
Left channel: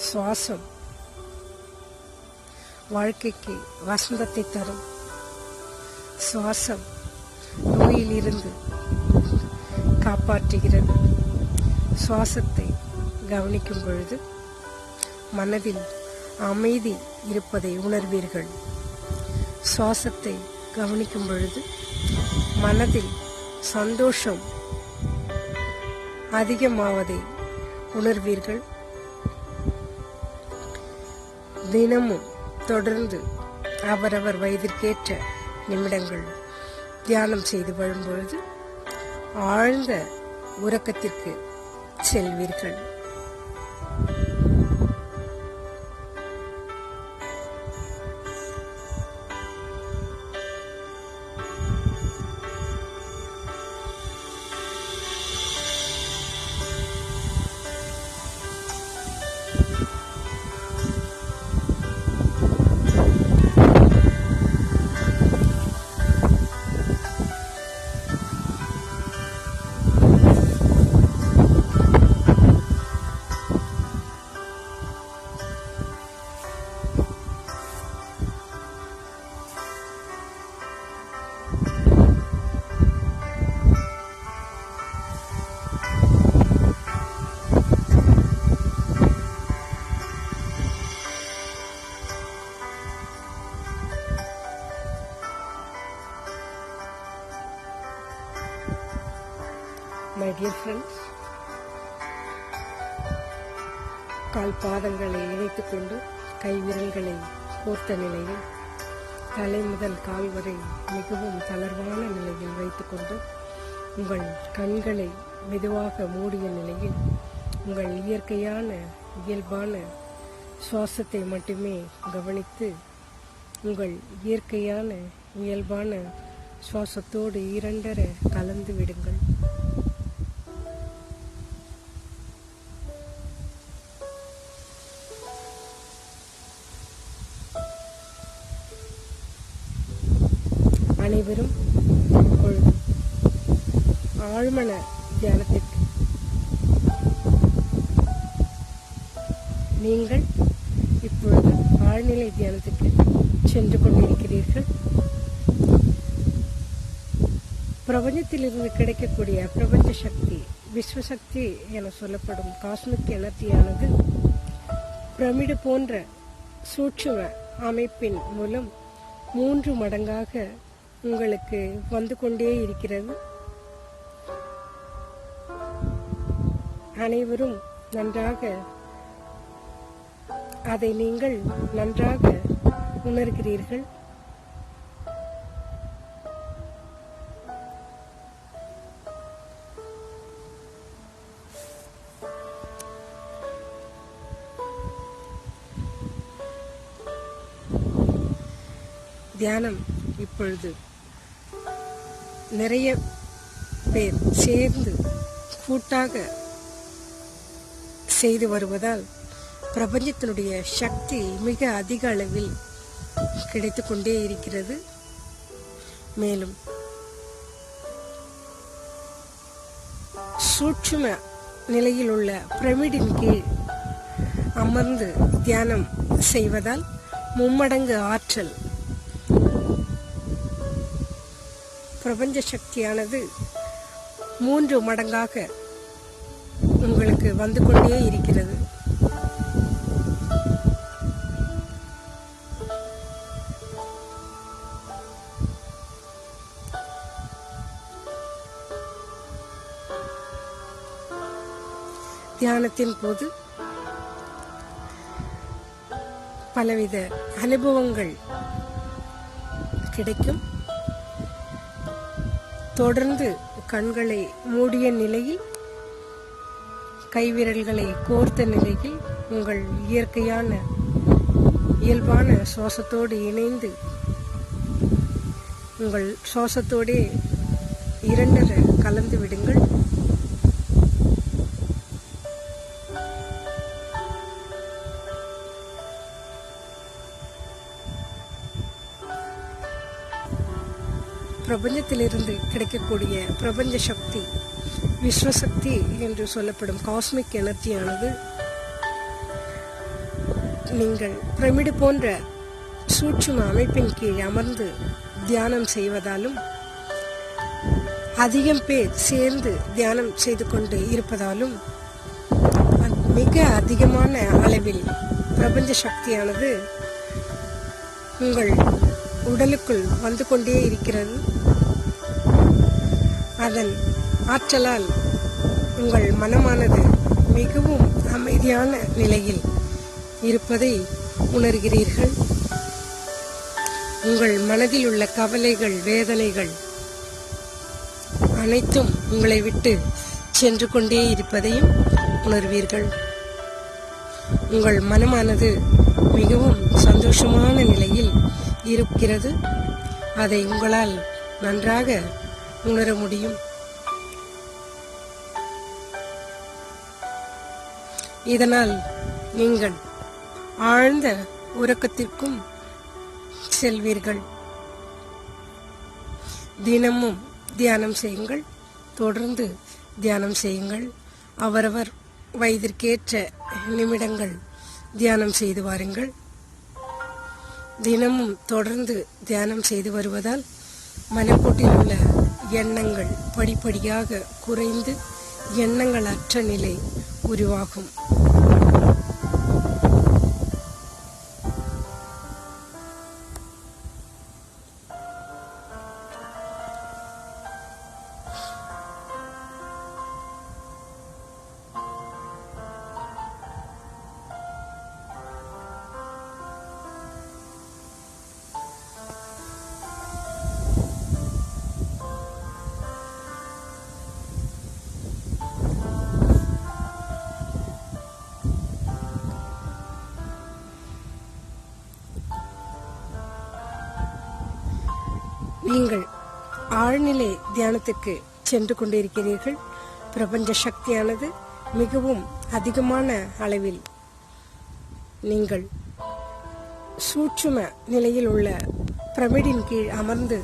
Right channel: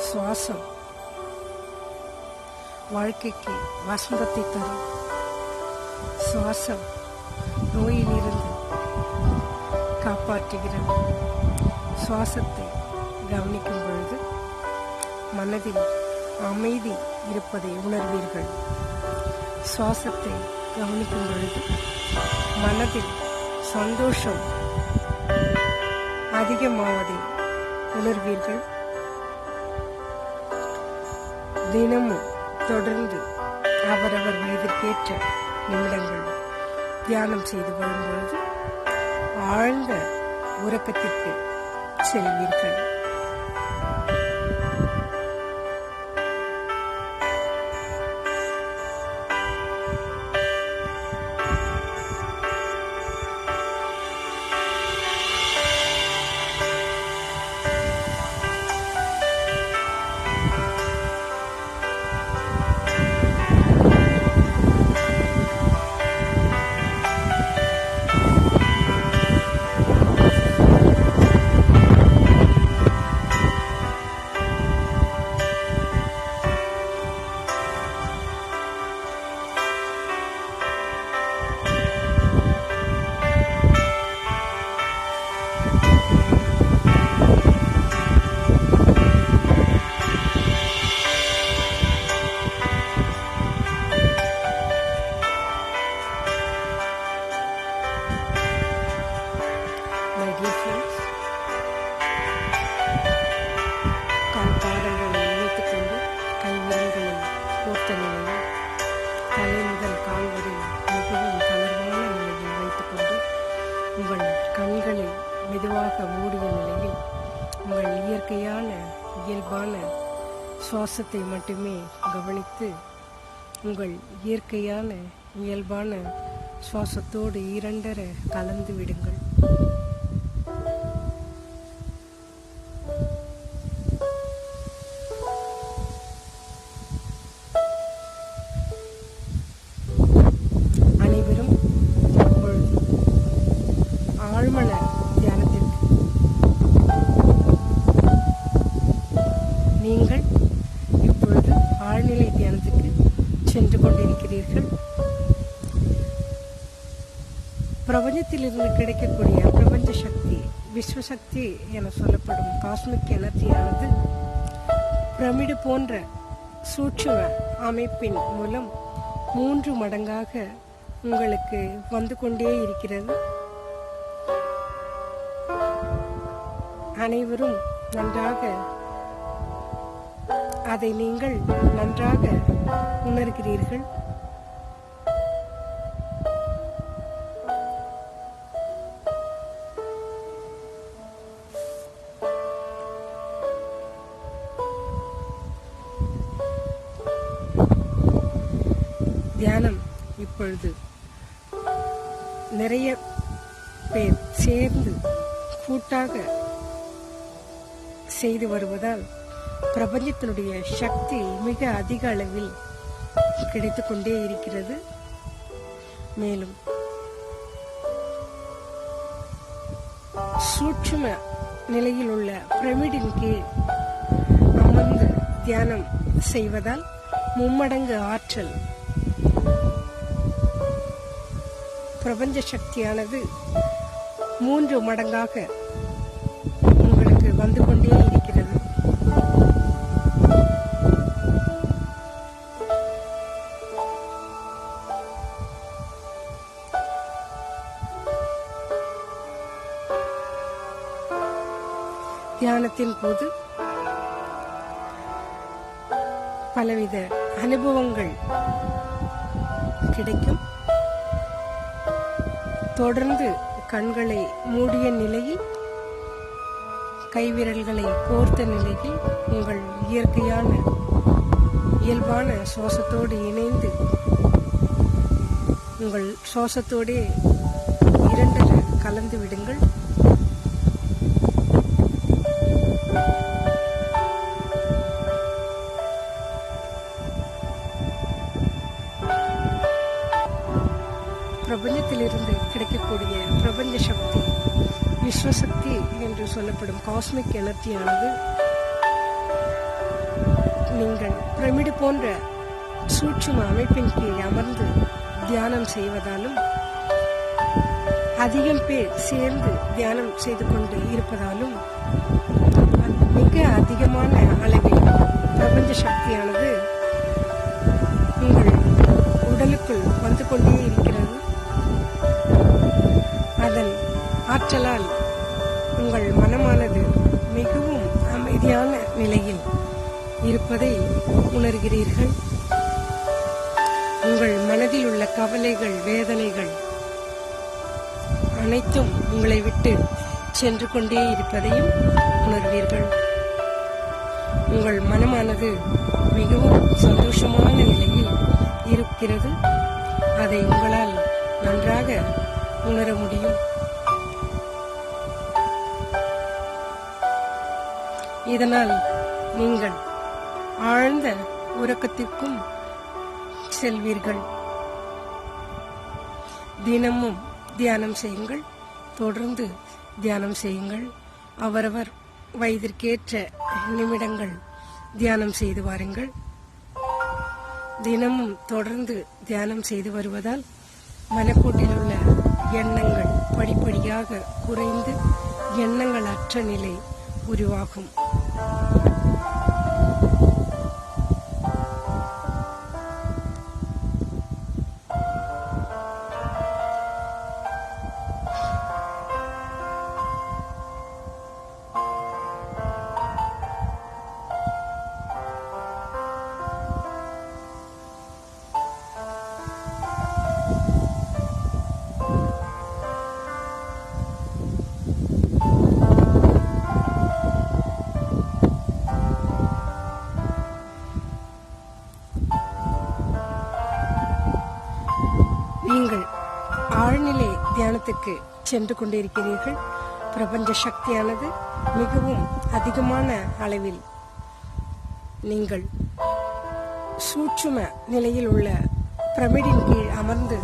சுவாசம் வாழ்க்கைக்கு வசந்தத்தை தரும். சுவாசம் நோயிலிருந்து காப்பாற்றுகிறது. சுவாசத்தை கவனிக்கும் பொழுது மனதில் அமைதி இருப்பதை உணர்வீர்கள். சுவாசத்தை கவனிக்கும் பொழுது மனதில் சந்தோஷம் அதிகமாவதை உணர்வீர்கள். தினமும் தொடர்ந்து அவரவர் வயதிற்கேற்ற நிமிடங்கள் தியானம் செய்து வரும்பொழுது ஆழ்ந்த உறக்கத்திற்கு செல்வீர்கள். My dear friends, கால் பாதங்களை இணைத்துக் கொண்டு கைவிரல்களை கோர்த்த நிலையில் தலை முதல் கால் வரை மிகவும் தளர்வான நிலையில் வைத்துக்கொண்டு உங்கள் கண்களை மெதுவாக மூடிய நிலையில் உங்கள் இயற்கையான இயல்பான சுவாசத்தை மட்டுமே கவனித்து உங்கள் இயற்கையான இயல்பான சுவாசத்தோடு இரண்டர கலந்து விடுங்கள். அனைவரும் இப்பொழுது ஆழ்மன தியானத்திற்கு நீங்கள் இப்பொழுது ஆழ்நிலை தியானத்துக்கு சென்று கொண்டிருக்கிறீர்கள். பிரபஞ்சத்திலிருந்து கிடைக்கக்கூடிய பிரபஞ்ச சக்தி, விஸ்வசக்தி என சொல்லப்படும் காஸ்மிக் எனர்ஜியானது பிரமிடு போன்ற சூட்சும அமைப்பின் மூலம் 3 மடங்காக உங்களுக்கு வந்து கொண்டே இருக்கிறது. அனைவரும் நன்றாக அதை நீங்கள் நன்றாக உணர்கிறீர்கள். தியானம் இப்பொழுது நிறைய பேர் சேர்ந்து கூட்டாக செய்து வருவதால் பிரபஞ்சத்தினுடைய சக்தி மிக அதிக அளவில் கிடைத்துக் கொண்டே இருக்கிறது. மேலும் சூட்சும நிலையில் உள்ள பிரமிடின் கீழ் அமர்ந்து தியானம் செய்வதால் 3 மடங்கு ஆற்றல் பிரபஞ்ச சக்தியானது 3 மடங்காக உங்களுக்கு வந்து கொண்டே இருக்கிறது. தியானத்தின் போது பலவித அனுபவங்கள் கிடைக்கும். தொடர்ந்து கண்களை மூடிய நிலையில் கைவிரல்களை கோர்த்த நிலையில் உங்கள் இயற்கையான இயல்பான சுவாசத்தோடு இணைந்து உங்கள் சுவாசத்தோடே இரண்டர கலந்து விடுங்கள். பிரபஞ்சத்திலிருந்து கிடைக்கக்கூடிய பிரபஞ்ச சக்தி, விஸ்வசக்தி என்று சொல்லப்படும் காஸ்மிக் எனர்ஜியானது நீங்கள் பிரமிடு போன்ற சூட்சும அமைப்பின் கீழ் அமர்ந்து தியானம் செய்வதாலும் அதிகம் பேர் சேர்ந்து தியானம் செய்து கொண்டு இருப்பதாலும் மிக அதிகமான அளவில் பிரபஞ்ச சக்தியானது உங்கள் உடலுக்குள் வந்து கொண்டே இருக்கிறது. அதன் ஆற்றலால் உங்கள் மனமானது மிகவும் அமைதியான நிலையில் இருப்பதை உணர்கிறீர்கள். உங்கள் மனதில் உள்ள கவலைகள், வேதனைகள் அனைத்தும் உங்களை விட்டு சென்று கொண்டே இருப்பதையும் உணர்வீர்கள். உங்கள் மனமானது மிகவும் சந்தோஷமான நிலையில் இருக்கிறது. அதை உங்களால் நன்றாக உணர முடியும். இதனால் நீங்கள் ஆழ்ந்த உறக்கத்திற்கும் செல்வீர்கள். தினமும் தியானம் செய்யுங்கள். தொடர்ந்து தியானம் செய்யுங்கள். அவரவர் வயதிற்கேற்ற நிமிடங்கள் தியானம் செய்து வாருங்கள். தினமும் தொடர்ந்து தியானம் செய்து வருவதால் மனக்கோட்டில் உள்ள எண்ணங்கள் படிப்படியாக குறைந்து எண்ணங்கள் அற்ற நிலை உருவாகும். நீங்கள் ஆழ்நிலை தியானத்துக்கு சென்று கொண்டிருக்கிறீர்கள். பிரபஞ்ச சக்தியானது மிகவும் அதிகமான அளவில் நீங்கள் சூட்சும நிலையில் உள்ள பிரமிடின் கீழ் அமர்ந்து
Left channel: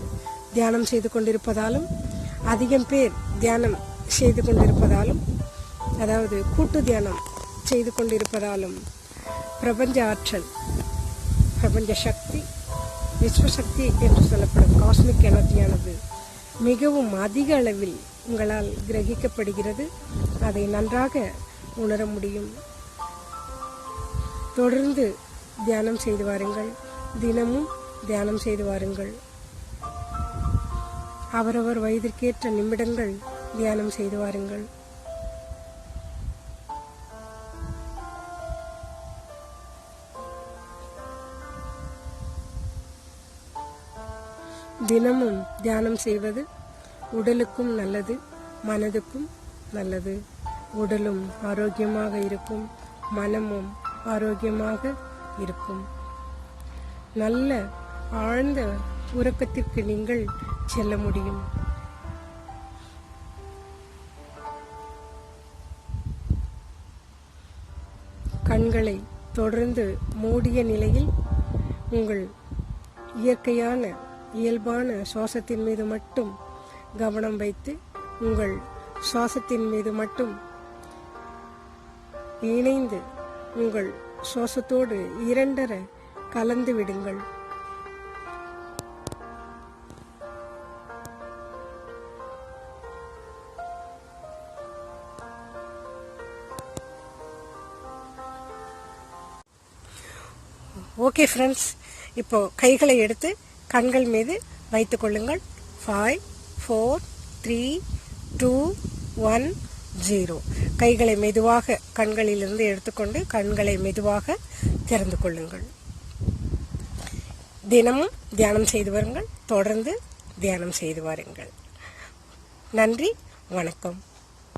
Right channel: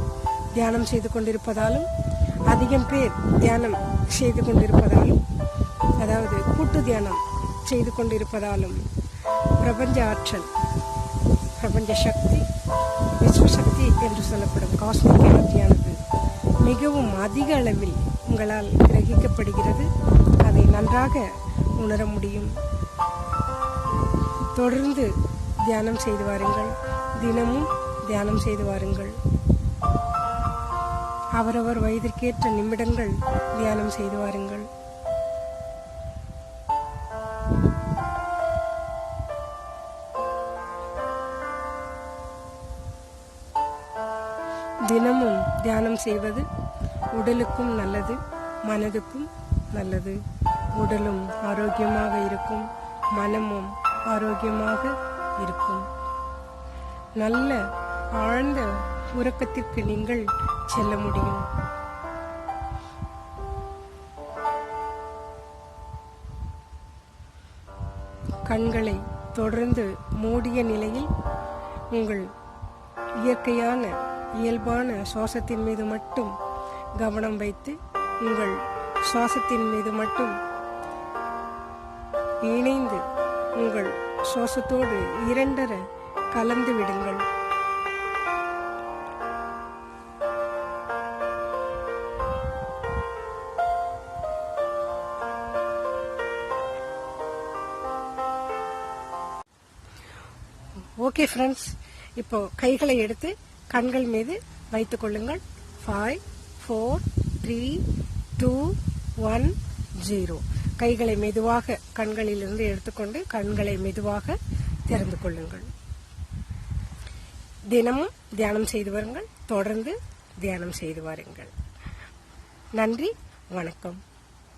தியானம் செய்து கொண்டிருப்பதாலும், அதிகம் பேர் தியானம் செய்து கொண்டிருப்பதாலும், அதாவது கூட்டு தியானம் செய்து கொண்டிருப்பதாலும் பிரபஞ்ச ஆற்றல், பிரபஞ்ச சக்தி, விஸ்வசக்தி என்று சொல்லப்படும் காஸ்மிக் எனர்ஜியானது மிகவும் அதிக அளவில் உங்களால் கிரகிக்கப்படுகிறது. அதை நன்றாக உணர முடியும். தொடர்ந்து தியானம் செய்து வாருங்கள். தினமும் தியானம் செய்து வாருங்கள். அவரவர் வயதிற்கேற்ற நிமிடங்கள் தியானம் செய்து வாருங்கள். தினமும் தியானம் செய்வது உடலுக்கும் நல்லது, மனதுக்கும் நல்லது. உடலும் ஆரோக்கியமாக இருக்கும், மனமும் ஆரோக்கியமாக இருக்கும். நல்ல ஆழ்ந்த உறக்கத்திற்கு நீங்கள் செல்ல முடியும். கண்களை தொடர்ந்து மூடிய நிலையில் உங்கள் இயற்கையான இயல்பான சுவாசத்தின் மீது மட்டும் கவனம் வைத்து உங்கள் சுவாசத்தின் மீது மட்டும் இணைந்து உங்கள் சுவாசத்தோடு இரண்டர கலந்து விடுங்கள். ஓகே ஃப்ரெண்ட்ஸ், இப்போ கைகளை எடுத்து கண்கள் மீது வைத்துக் கொள்ளுங்கள். 5, 4, 3, 2, 1, 0. கைகளை மெதுவாக கண்களிலிருந்து எடுத்துக்கொண்டு கண்களை மெதுவாக திறந்து கொள்ளுங்கள். தினமும் தியானம் செய்து வருங்கள். தொடர்ந்து தியானம் செய்து வாருங்கள். நன்றி, வணக்கம்.